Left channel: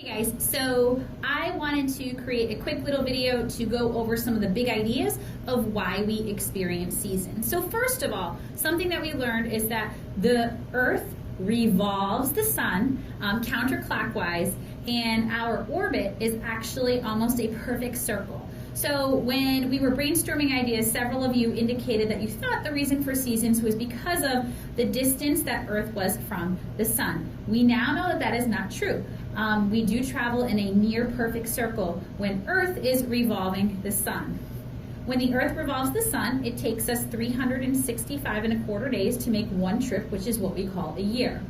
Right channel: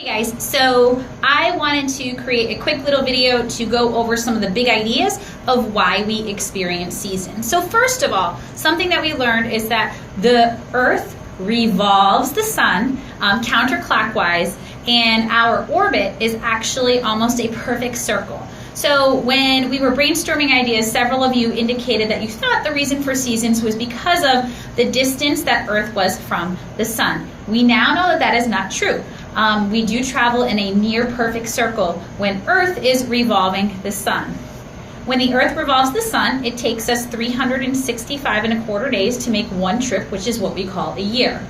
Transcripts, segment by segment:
Hey guys, so I wanted to create a quick little video to go over some of the big ideas of why we experience seasons. So first of all, something that we learned is that the Earth revolves the sun counterclockwise, and our orbit is actually almost a perfect circle. So when we were brainstorming ideas, several of you indicated that you thought the reason for seasons was because of the distance that Earth was from the sun. We now know that that is not true. We do travel in a near perfect circle when Earth is revolving the sun. When the Earth revolves the sun, it takes us 365.25 days to make one trip, which is what we call a year.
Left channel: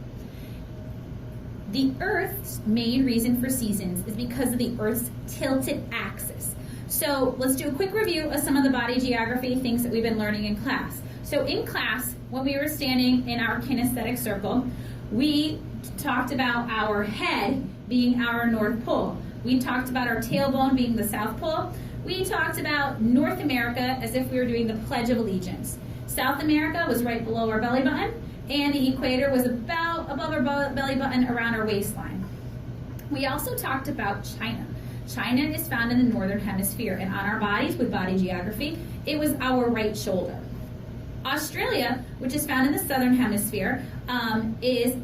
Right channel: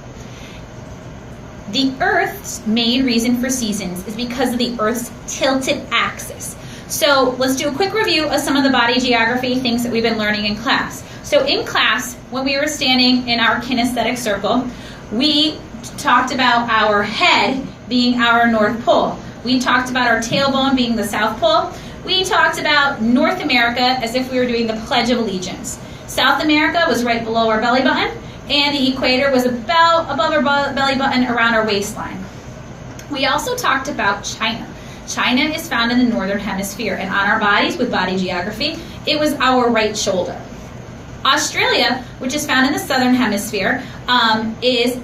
The Earth's main reason for seasons is because of the Earth's tilted axis. So let's do a quick review of some of the body geography things that we've been learning in class. So in class, when we were standing in our kinesthetic circle, we talked about our head being our North Pole. We talked about our tailbone being the South Pole. We talked about North America as if we were doing the Pledge of Allegiance. South America was right below our belly button, and the equator was about above our belly button around our waistline. We also talked about China. China is found in the northern hemisphere, and on our bodies with body geography, it was our right shoulder. Australia, which is found in the southern hemisphere, is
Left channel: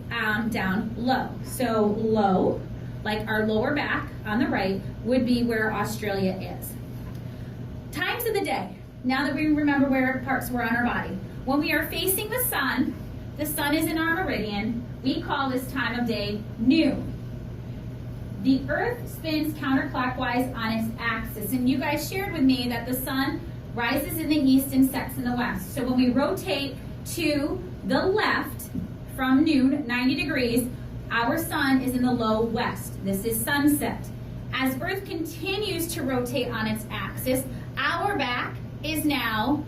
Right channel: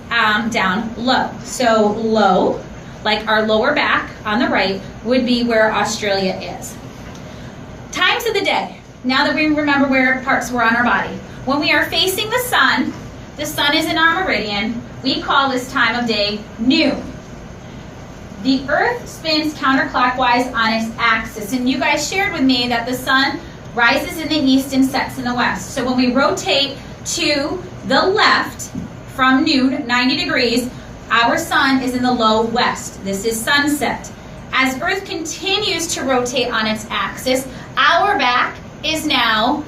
down low. So low, like our lower back on the right, would be where Australia is. Times of the day. Now that we remember where parts were on our body. When we are facing the sun is in our meridian, we call this time of day noon. The Earth spins counterclockwise on its axis, and you guys shared with me that the sun rises in the east and sets in the west. So when we rotate to the left from noon, 90 degrees, our sun is in the low west. This is sunset. As Earth continues to rotate on its axis, our back is now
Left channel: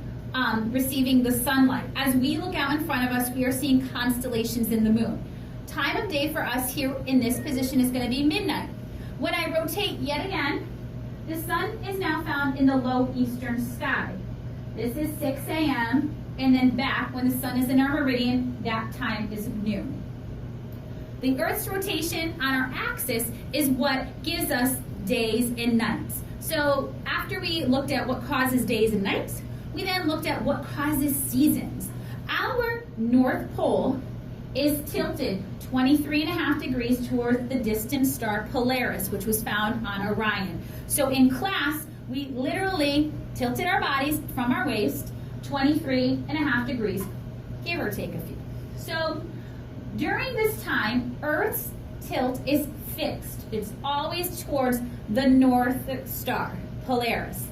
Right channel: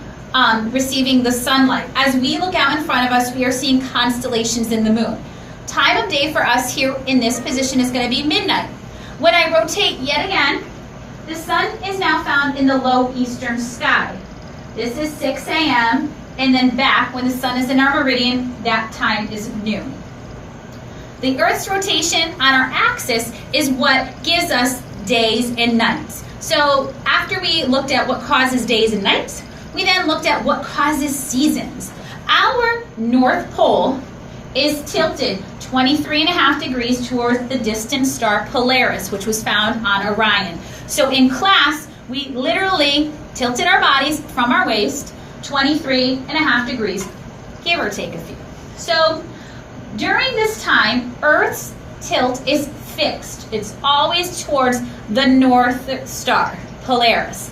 receiving the sunlight. As we look out in front of us, we are seeing constellations in the moon. Time of day for us here in this position is going to be midnight. When I rotate yet again, the sun is now found in the low eastern sky. This is 6 a.m. and then back when the sun is in our meridian, that time is noon. The Earth's rotation on our axis is what gives us days and nights. So after we looked at what causes days and nights, we then looked at what causes seasons. Our North Pole is tilted 23.5 degrees towards the distant star Polaris, which was found on Orion. So in class, we literally tilted our bodies from our waist 23.5 degrees, give or take a few. So during this time, Earth's tilt is fixed. It's always towards the North Star, Polaris.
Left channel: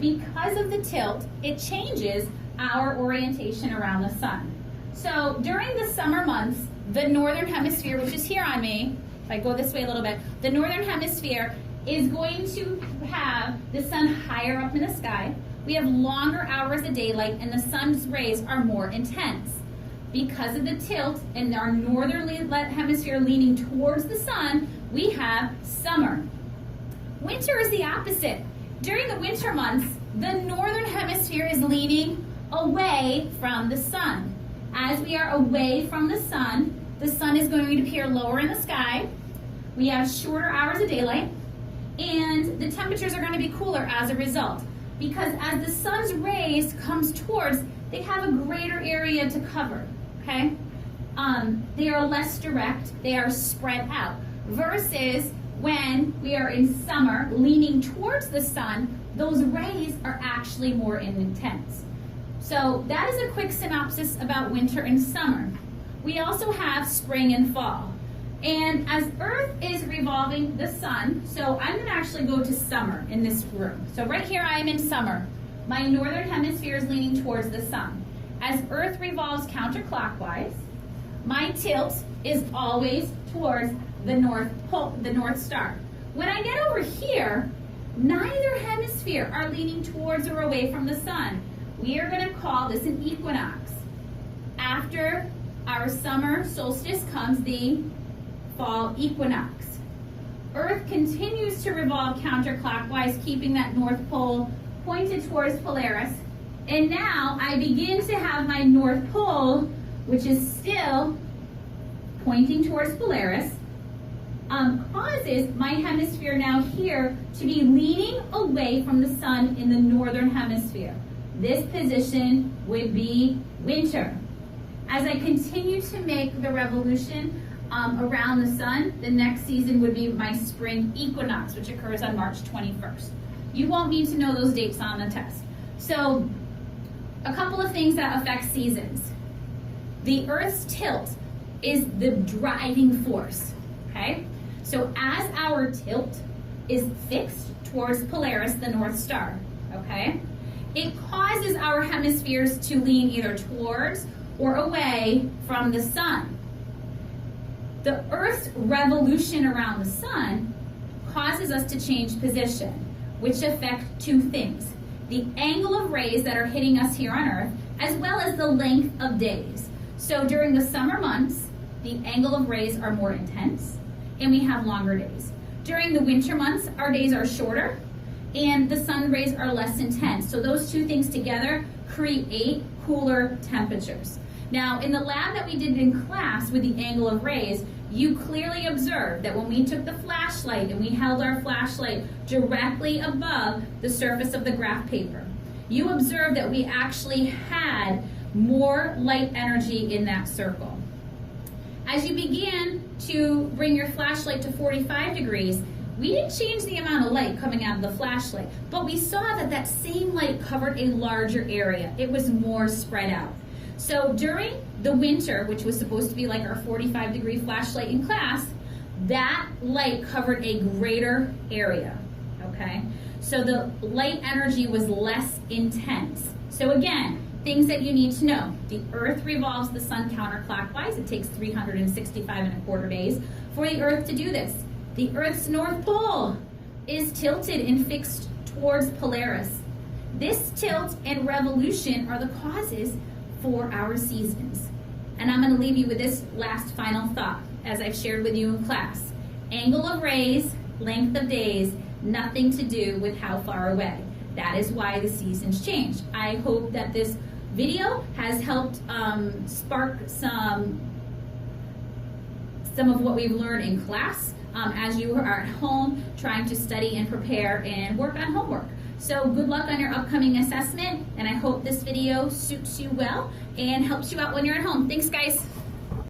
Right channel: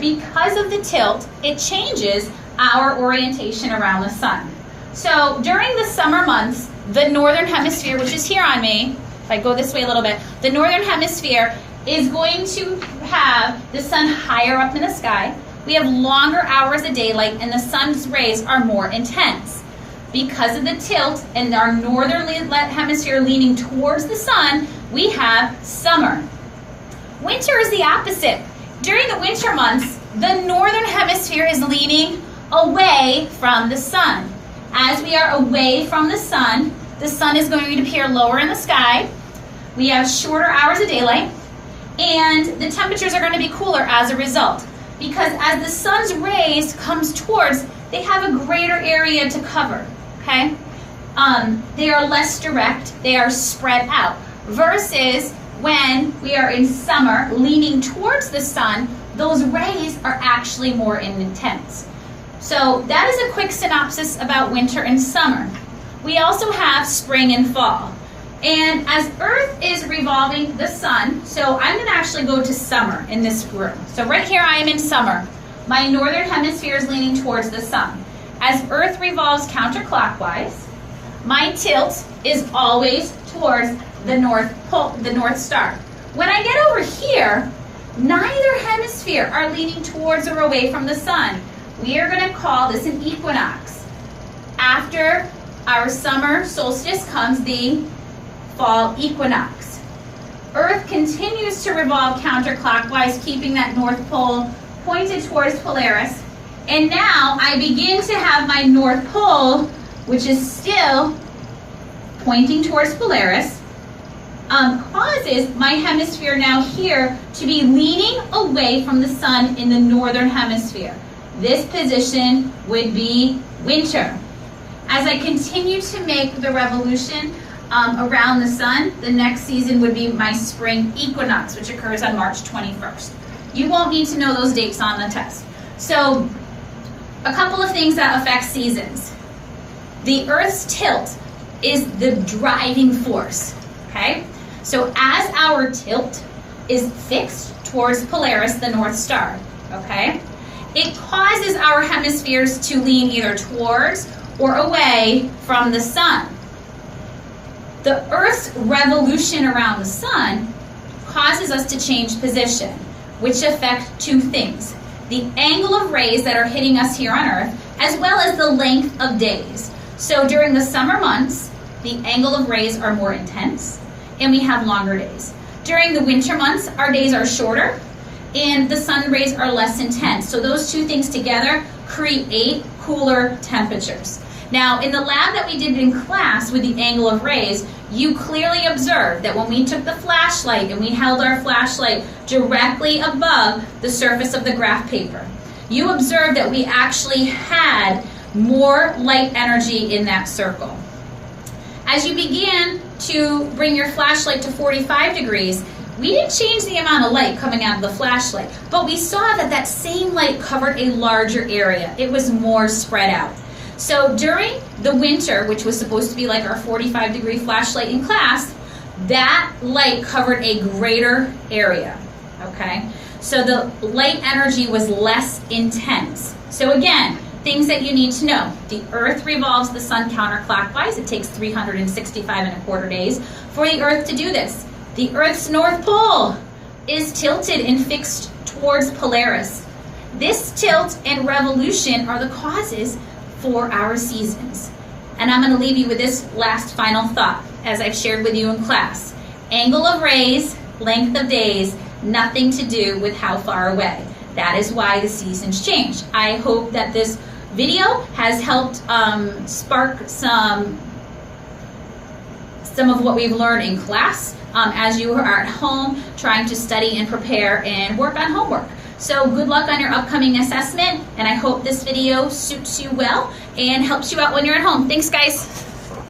Because of the tilt, it changes our orientation around the sun. So during the summer months, the northern hemisphere, which is here on me, if I go this way a little bit, the northern hemisphere is going to have the sun higher up in the sky. We have longer hours of daylight, and the sun's rays are more intense. Because of the tilt and our northern hemisphere leaning towards the sun, we have summer. Winter is the opposite. During the winter months, the northern hemisphere is leaning away from the sun. As we are away from the sun is going to appear lower in the sky. We have shorter hours of daylight, and the temperatures are going to be cooler as a result. Because as the sun's rays comes towards, they have a greater area to cover, okay? They are less direct, they are spread out. Versus when we are in summer, leaning towards the sun, those rays are actually more intense. So that is a quick synopsis about winter and summer. We also have spring and fall. And as Earth is revolving the sun, so I'm going to actually go to summer in this room. So right here I am in summer. My northern hemisphere is leaning towards the sun. As Earth revolves counterclockwise, my tilt is always towards the North Pole, the North Star. When I get over here, neither hemisphere are leaning towards or away from the sun. We are going to call this an equinox. After our summer solstice comes the fall equinox. Earth continues to revolve counterclockwise, keeping that North Pole pointed towards Polaris. And now I begin to have my North Pole, which is still pointing towards Polaris, causes my hemisphere now here to be leaning away from the sun in the northern hemisphere. This position would be winter. As I continue to make the revolution around the sun, the next season would be my spring equinox, which occurs on March 21st. You won't need to know those dates on the test. So, a couple of things that affect seasons. The Earth's tilt is the driving force, okay? So as our tilt is fixed towards Polaris, the North Star, okay, it causes our hemispheres to lean either towards or away from the sun. The Earth's revolution around the sun causes us to change position, which affect two things: the angle of rays that are hitting us here on Earth, as well as the length of days. So during the summer months, the angle of rays are more intense, and we have longer days. During the winter months, our days are shorter, and the sun rays are less intense. So those two things together create cooler temperatures. Now, in the lab that we did in class with the angle of rays, you clearly observed that when we took the flashlight and we held our flashlight directly above the surface of the graph paper, you observed that we actually had more light energy in that circle. As you began to bring your flashlight to 45 degrees, we didn't change the amount of light coming out of the flashlight, but we saw that that same light covered a larger area. It was more spread out. So during the winter, which was supposed to be like our 45-degree flashlight in class, that light covered a greater area, okay? So the light energy was less intense. So again, things that you need to know. The Earth revolves the sun counterclockwise. It takes 365.25 days for the Earth to do this. The Earth's North Pole is tilted and fixed towards Polaris. This tilt and revolution are the causes for our seasons. And I'm going to leave you with this last final thought, as I've shared with you in class. Angle of rays, length of days, nothing to do with how far away. That is why the seasons change. I hope that this video has helped spark some of what we've learned in class as you are at home trying to study and prepare and work on homework. So good luck on your upcoming assessment, and I hope this video suits you well and helps you out when you're at home. Thanks, guys.